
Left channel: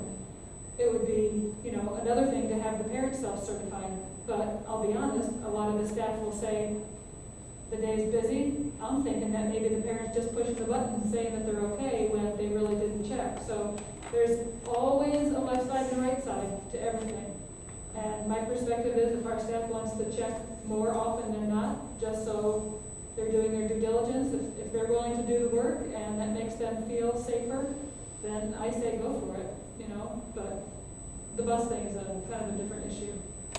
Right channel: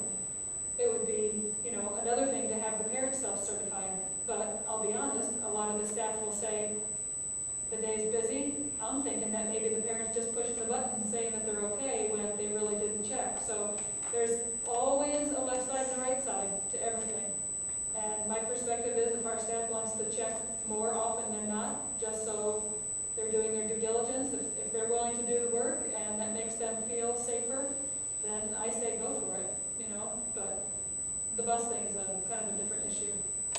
It would be, another thing to have the parents self-certify, but I'll be honest, a lot of the staff will say, the day's busy. I'm thinking that maybe the parents just pushed the button saying that they're okay when they really didn't check. So there's always a left side and a right side to everything. And my perspective is if our staff wants to check more often than not, just so they're doing their due diligence, if they're willing to do the work and that makes them feel safer, then I say go for it, but the bus thing is kind of a different issue.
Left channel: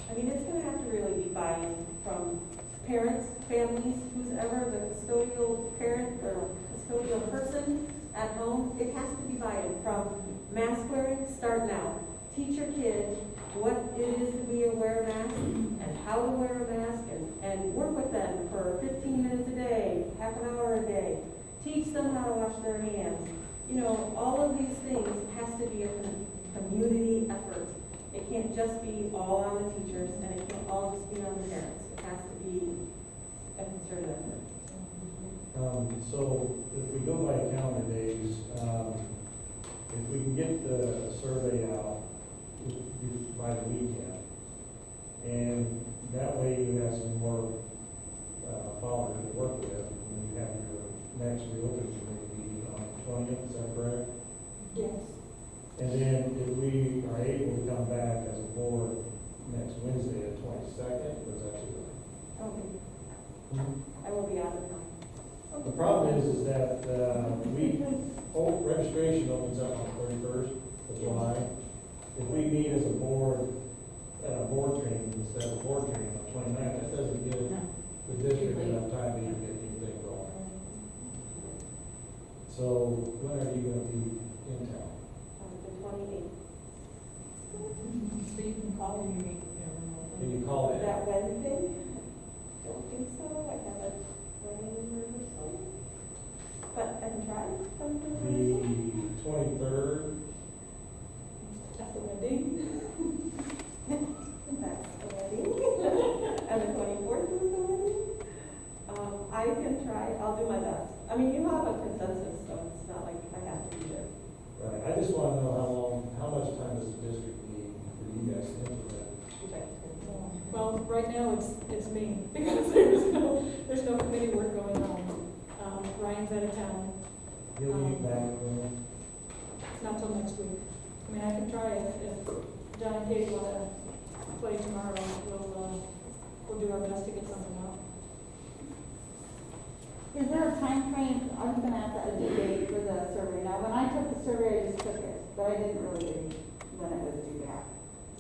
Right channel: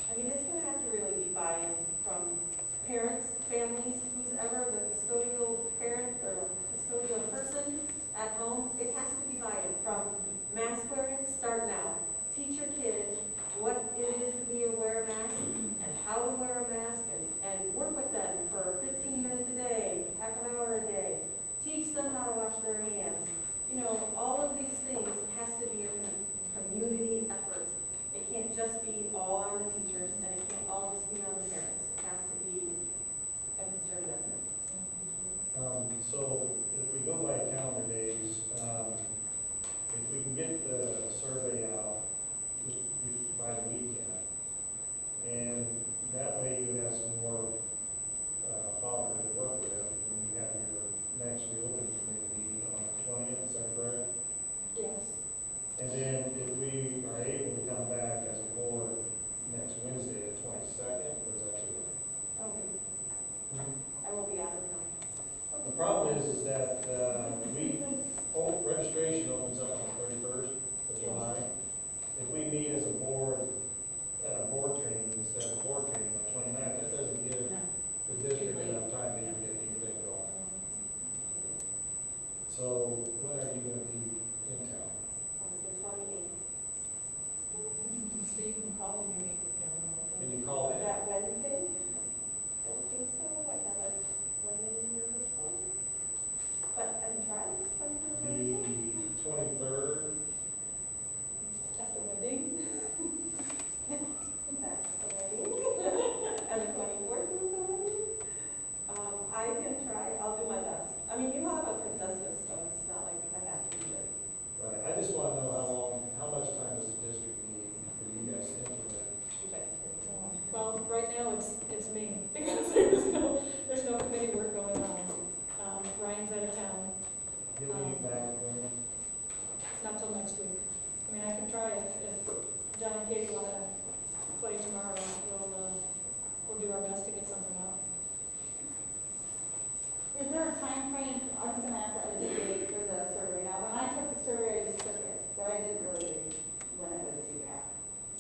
I mean, it's gonna have to really be buy-in from parents, families, who's ever the custodial parent or custodial person at home. It has to be buy-in from mask wearing, start now. Teach your kids what it is to wear a mask and how to wear a mask and work with them for 15 minutes a day, half an hour a day. Teach them how to wash their hands. All of these things has to be a community effort. It can't just be all on the teachers and it can't all just be on the parents. It has to be a concerted effort. So if we go by calendar days, if we can get And then if we are able to come back as a board next Wednesday, the 22nd, or is that too late? Okay. I will be out of town. The problem is that, registration opens up on the 31st of July. If we meet as a board, at a board training, instead of board training on 29th, that doesn't give the district enough time to even get anything going. So when are you gonna be in town? The 28th. So you can call me, Can you call in? That Wednesday? Don't think so. I have a wedding rehearsal. But I can try some The rehearsal. 23rd, At the wedding. That's the wedding. And the 24th is the wedding. I can try, I'll do my best. I mean, you have a consensus, so it's not like I have to be there. right, I just wanna know how much time does the district need for you guys to implement? Well, right now, it's me, because there's no committee work going on. Ryan's out of town, You'll be back when? not till next week. I mean, I can try if John and Katie wanna play tomorrow, we'll do our best to get something out. Is there a time frame? I was gonna ask that a date for the survey. Now, when I took the survey, I just took it, but I didn't really read when it was due back.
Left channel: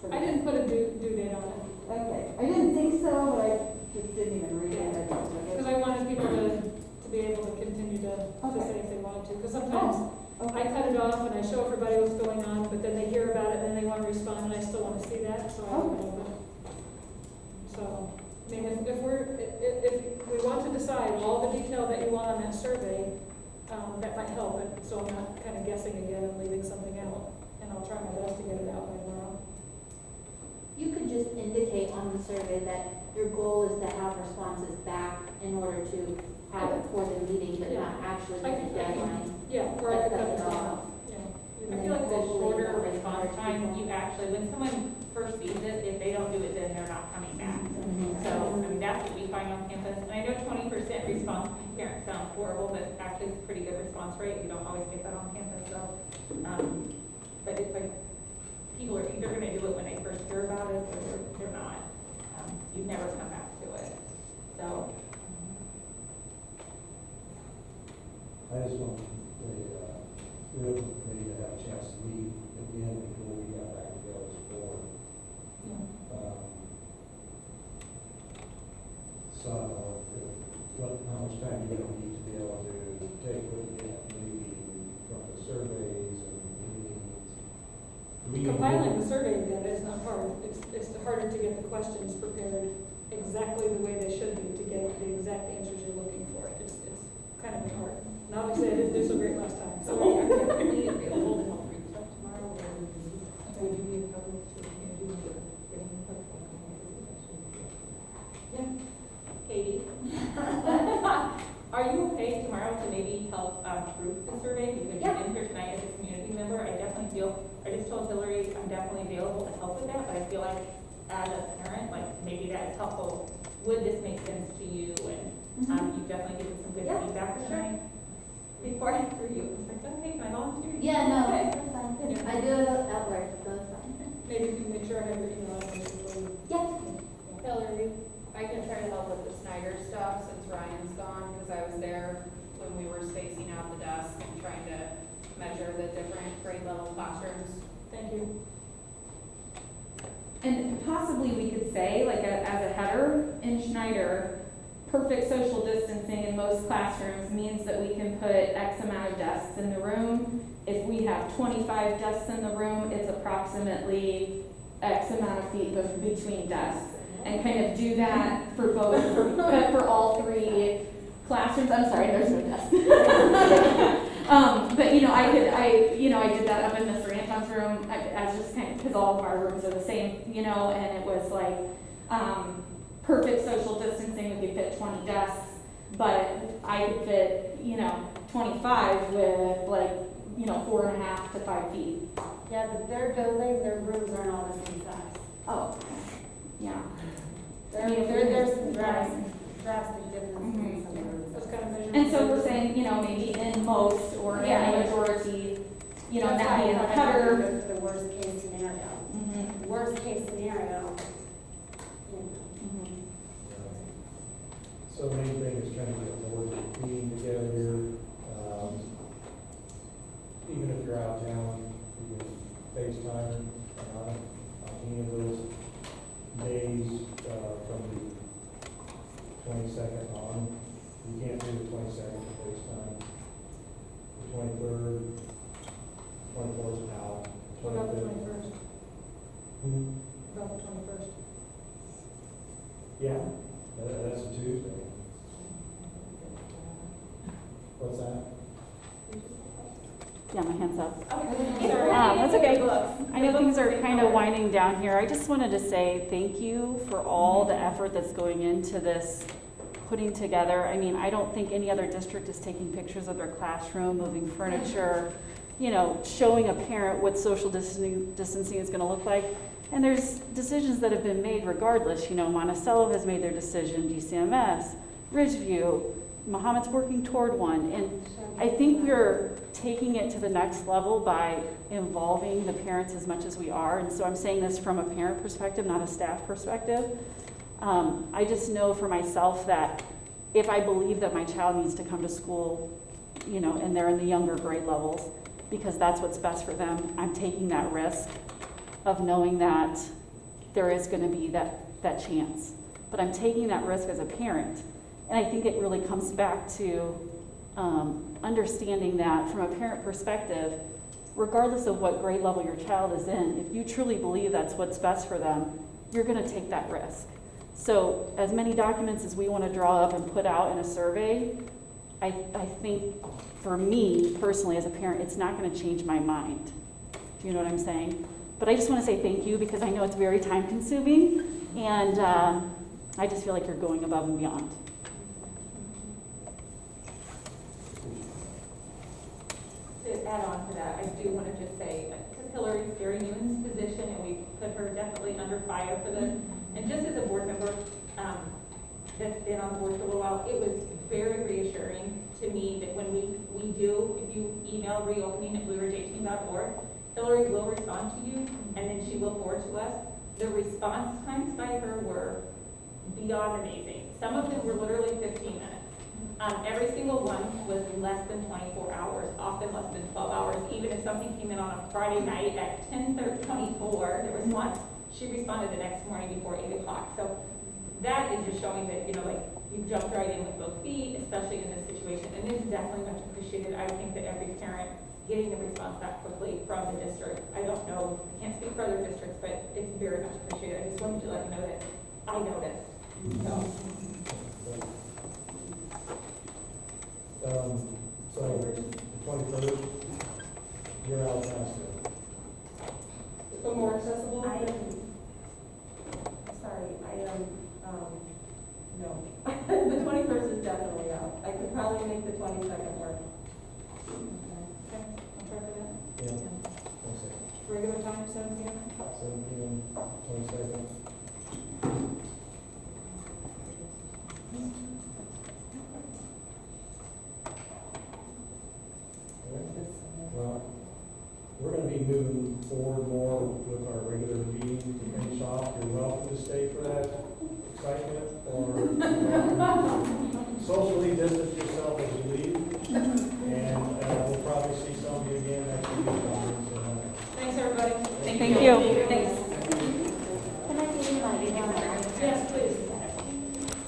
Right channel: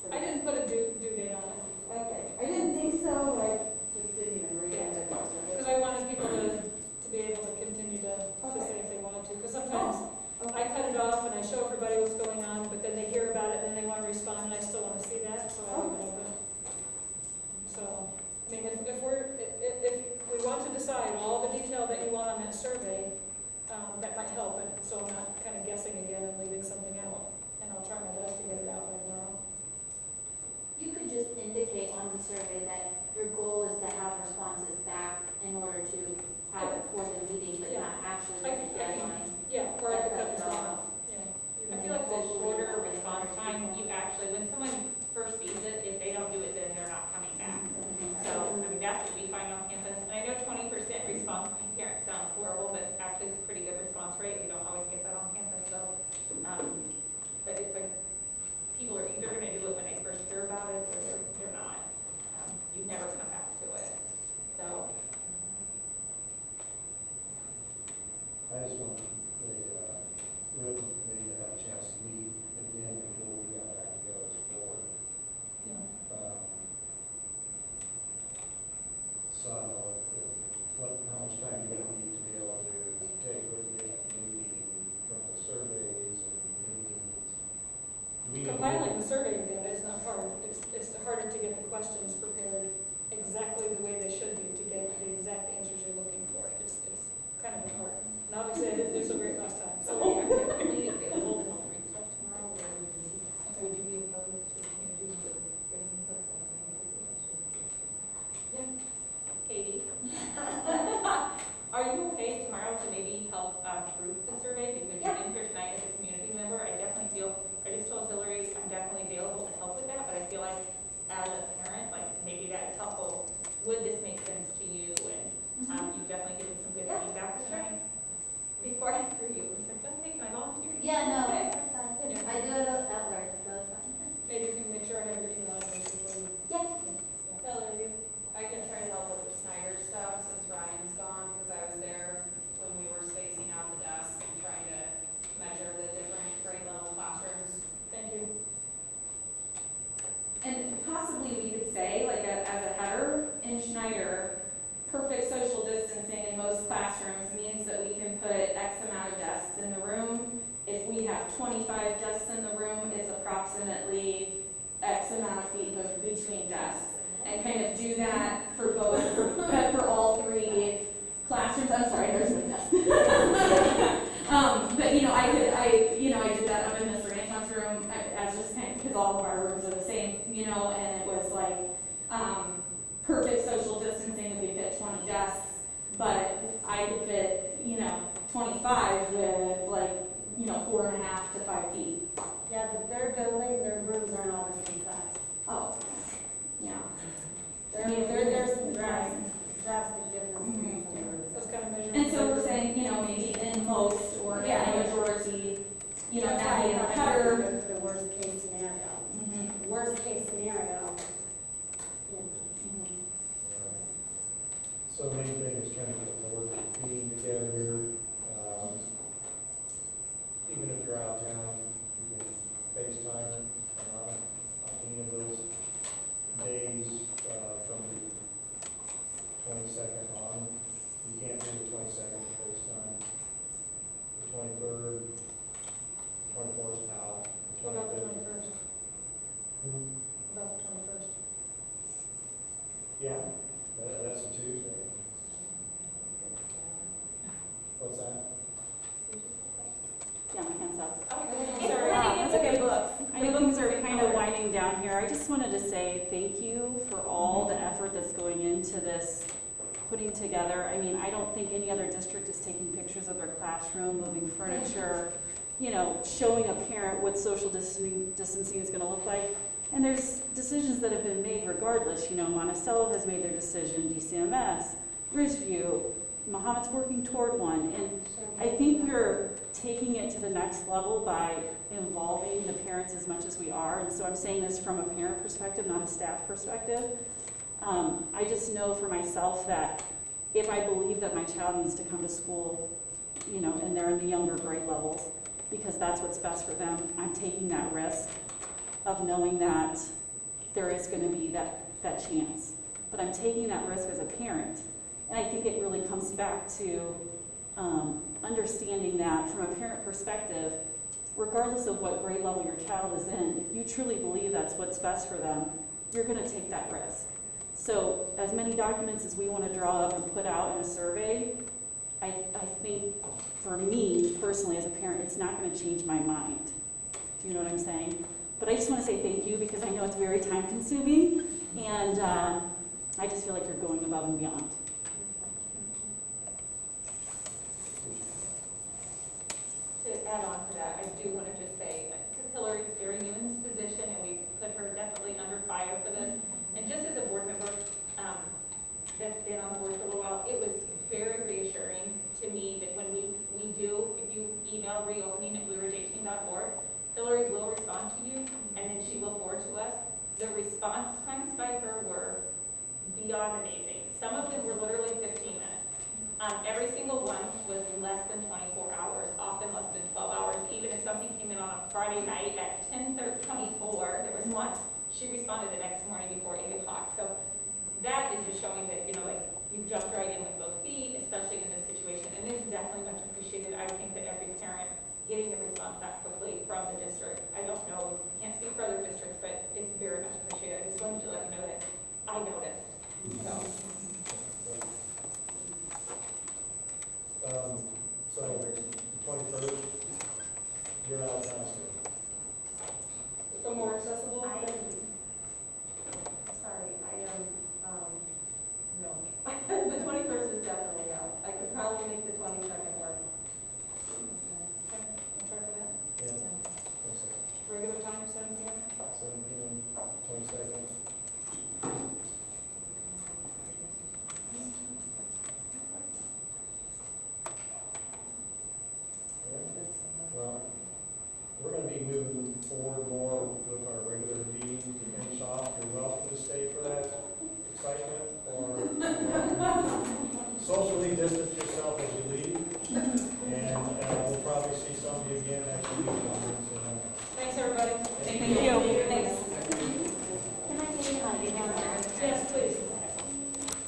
I didn't put a due date on it, Okay, I didn't think so, but I just didn't even read it. because I wanted people to be able to continue to say if they wanted to, because sometimes I cut it off and I show everybody what's going on, but then they hear about it, and then they wanna respond, and I still wanna see that, so I leave it open. So, I mean, if we want to decide all the detail that you want on that survey, that might help, and so I'm not kind of guessing again and leaving something out, and I'll try my best to get it out by tomorrow. You could just indicate on the survey that your goal is to have responses back in order to have it for the meeting, but not actually I with can- a deadline. Yeah, or I could cut this Cut it off, off. yeah. I feel like the shorter response time, you actually, when someone first sees it, if they don't do it, then they're not coming back. So, I mean, that's what we find on campus. And I know 20% response by parents sounds horrible, but actually it's a pretty good response rate. You don't always get that on campus, so. But it's like, people are either gonna do it when they first hear about it, or they're not. You never come back to it, so. I just want the real committee to have a chance to meet again before we got back together as a board. Yeah. So I don't know how much time you're gonna need to be able to take what you get maybe from the surveys and meetings. Compiling the survey data is not hard, it's harder to get the questions prepared exactly the way they should be to get the exact answers you're looking for. It's kind of hard. And obviously, I didn't do so great last time, so. Are you available to help read stuff tomorrow, or would you be opposed to, getting input from Yeah. Katie? Are you okay tomorrow to maybe help proof the survey? Because you're in here tonight as a community member, I definitely feel, I just told Hillary I'm definitely available to help with that, but I feel like as a parent, like maybe that is helpful. Would this make sense to you? And you've definitely given some good feedback tonight. Before I threw you, I was like, okay, can I volunteer? Yeah, no, Okay. that's fine. I do it at work, so it's fine. Maybe you can make sure I have your email address before you. Yes. Hillary, I can try to help with the Snyder stuff since Ryan's gone, because I was there when we were spacing out the desks and trying to measure the different grade level classrooms. Thank you. And possibly we could say, like as a header in Schneider, perfect social distancing in most classrooms means that we can put X amount of desks in the room. If we have 25 desks in the room, it's approximately X amount of feet between desks. And kind of do that for both, for all three classrooms. I'm sorry, there's no desk. But I did that up in Mr. Anton's room as just kind of, because all of our rooms are the same, and it was like, perfect social distancing if we fit 20 desks, but I could fit, 25 with 4.5 to 5 feet. Yeah, but their building, their rooms aren't all the same size. Oh, yeah. There's some drastic differences in some rooms. Those kind of measurements. And so we're saying, maybe in most or in a majority, you know, That's not why be in I the thought I'd header. The worst case scenario. Mhm, Worst case scenario, you know. mhm. So the main thing is trying to get a board meeting together. Even if you're out of town, you can FaceTime on any of those days from the 22nd on. You can't do the 22nd FaceTime. The 23rd, 24th is out. What about the 25th. 21st? Hmm. About the 21st? Yeah, that's a Tuesday. What's that? Yeah, my hand's up. Sorry. That's okay. I know things are kind of winding down here. I just wanted to say thank you for all the effort that's going into this putting together. I mean, I don't think any other district is taking pictures of their classroom, moving furniture, you know, showing a parent what social distancing is going to look like. And there's decisions that have been made regardless. You know, Monticello has made their decision, DCMS, Ridgeview, Mohammed's working toward one. And I think we're taking it to the next level by involving the parents as much as we are. And so I'm saying this from a parent perspective, not a staff perspective. I just know for myself that if I believe that my child needs to come to school, you know, and they're in the younger grade levels, because that's what's best for them, I'm taking that risk of knowing that there is going to be that chance. But I'm taking that risk as a parent. And I think it really comes back to understanding that from a parent perspective, regardless of what grade level your child is in, if you truly believe that's what's best for them, you're going to take that risk. So as many documents as we want to draw up and put out in a survey, I think for me personally as a parent, it's not going to change my mind. Do you know what I'm saying? But I just want to say thank you because I know it's very time consuming and I just feel like you're going above and beyond. To add on to that, I do want to just say, because Hillary's very new in this position, and we put her definitely under fire for this. And just as a board member that's been on the board for a little while, it was very reassuring to me that when we do, if you email reopening@blueridge18.org, Hillary will respond to you, and then she will forward to us. The response times by her were beyond amazing. Some of them were literally 15 minutes. Every single one was less than 24 hours, often less than 12 hours. Even if something came in on a Friday night at 10:24, there was one, she responded the next morning before 8 o'clock. So that is just showing that, you know, like, you jumped right in with both feet, especially in this situation. And it's definitely much appreciated. I think that every parent getting the response back quickly from the district, I don't know, I can't speak for other districts, but it's very much appreciated. I just wanted to let you know that I noticed, so. So the 23rd, you're out now still. So more accessible? Sorry, no. The 21st is definitely out. I could probably make the 22nd work. Okay, I'll try for that. Yeah. 22nd. Regular time, 7 p.m.? 7 p.m., 22nd. Well, we're going to be moving forward more with our regular meetings to finish off. You're welcome to stay for that excitement or socially distance yourself as you leave. And we'll probably see some of you again next week. Thanks, everybody. Thank you. Thanks.